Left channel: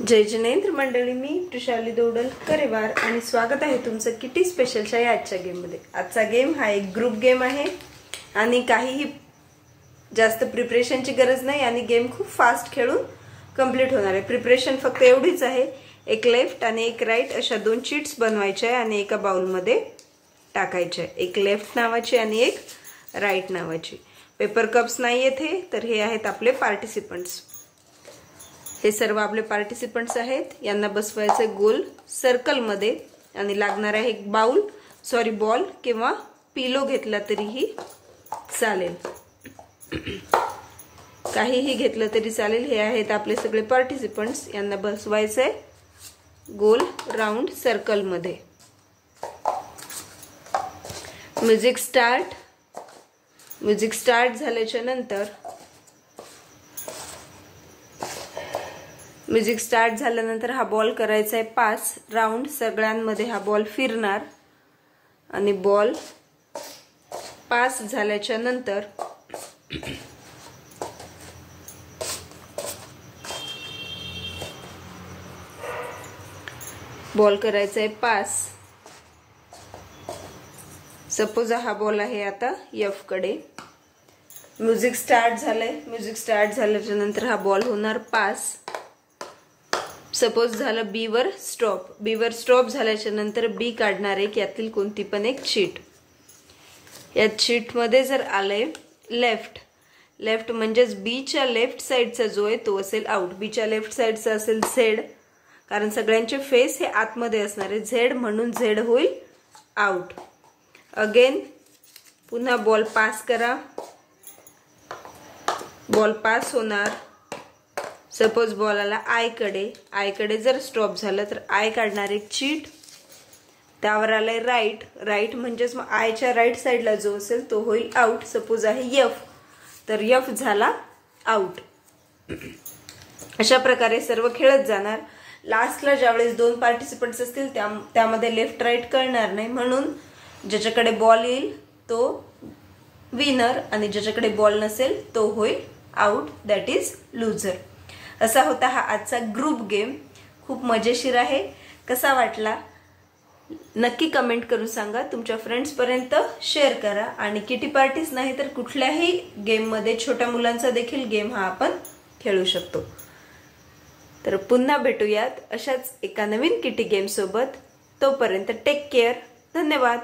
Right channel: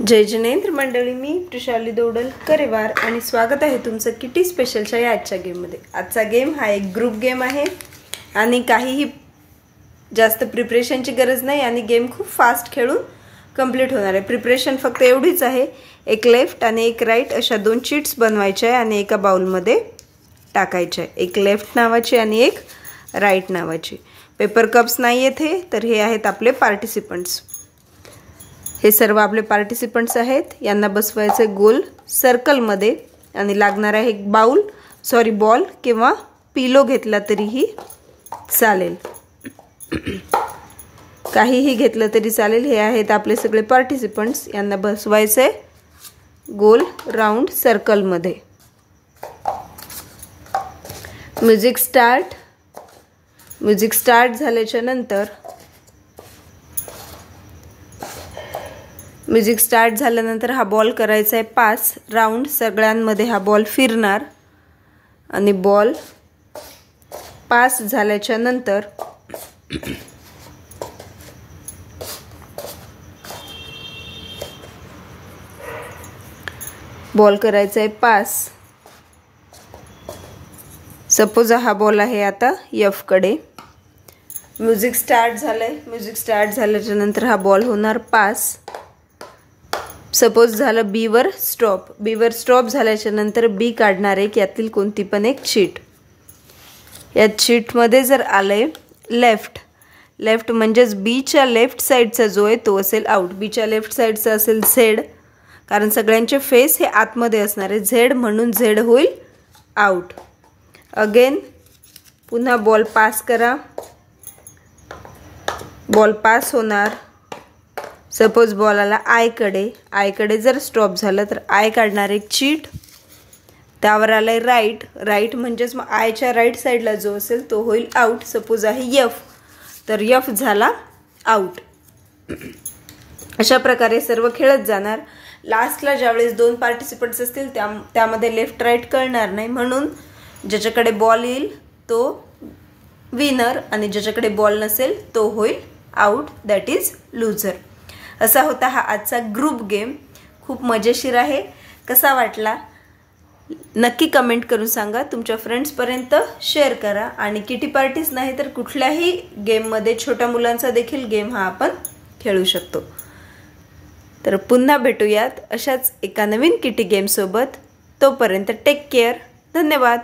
जय जिनेंद्र मंडळी, मी त्रिशाली दोडल करेवार आणि स्वागत आहे तुमचं किटी स्पेशलच्या या आजच्या गेम मध्ये। आजचा गेम हा एक ग्रुप गेम आहे आणि काहीही जास्त प्रिपरेशनची गरज नाही आणि गेम खूप फास्ट खेळून कंप्लीट होणार आहे। प्रिपरेशन फक्त एवढीच आहे, एक लेफ्ट आणि एक राइट अशा दोन चीट्स बनवायच्या आहे आणि एका बाउल मध्ये टाकायच्या आहे। एक लेफ्ट नावाची आणि एक राइट नावाची। पेपर कप्स नाही येथे, तर हे आहेत आपले पार्टिसिपंट्स। हे सर्व आपले पार्टिसिपंट्स आहेत। यांना बसवायचे गोल सर्कल मध्ये आणि लागणार आहे एक बॉल किंवा पिलो घेतला तरीही चालेल, काहीही घेतलं तरी चालेल। हे आहेत आपले सगळे पार्टिसिपंट्स, यांना बसवायचे गोल राउंड सर्कल मध्ये। म्युझिक स्टार्ट झाल्याच्या नंतर हा बॉल करायचा आहे पास राउंड, सगळ्यांमध्ये हा बॉल फिरणार आणि बॉल पास झाल्याच्या नंतर बॉल करायचा आहे पास। सपोज हा बॉल आहे आता एफ कडे। म्युझिक स्टार्ट झाल्याच्या नंतर हा बॉल होणार पास। सपोज झालं बी वर स्टॉप झाल्याच्या नंतर बी काढणार आहे की यातील कोणती पण एक चीट। या चीट मध्ये जर आले लेफ्ट म्हणजेच बी च्या लेफ्ट साइडचा जो आहे तो असेल आउट। बी च्या लेफ्ट साइडचा असेल झेड, कारण सगळ्यांचे फेस हे आतमध्ये असणार आहे झेड, म्हणून झेड होईल आउट। अगेन पुन्हा बॉल पास करा, बॉल पास होणार। सपोज बॉल आला आय कडे जर स्टॉप झालं तर आय काढणार एक चीट। त्यावर आलाय राइट म्हणजेच मग आयच्या राइट साइडला जो असेल तो होईल आउट। सपोज आहे एफ, तर एफ झाला आउट। अशा प्रकारे सर्व खेळत जाणार। लास्टला ज्यावेळेस दोन पार्टिसिपंट्स असतील त्यामध्ये लेफ्ट राइट कळणार नाही, म्हणून ज्याच्याकडे बॉल येईल तो विनर आणि ज्याच्याकडे बॉल नसेल तो होईल आउट, दॅट इज लूजर। असा होता हा आजचा ग्रुप गेम। खूप मजेशीर आहे। कसा वाटला नक्की कमेंट करून सांगा। तुमच्या फ्रेंड्स पर्यंत शेअर करा आणि किटी पार्टीज नाही तर कुठल्याही गेम मध्ये छोट्या मुलांचा देखील गेम हा आपण खेळू शकतो। तर पुन्हा भेटूयात अशाच एका नवीन किटी गेम सोबत। तोपर्यंत टेक केअर, धन्यवाद।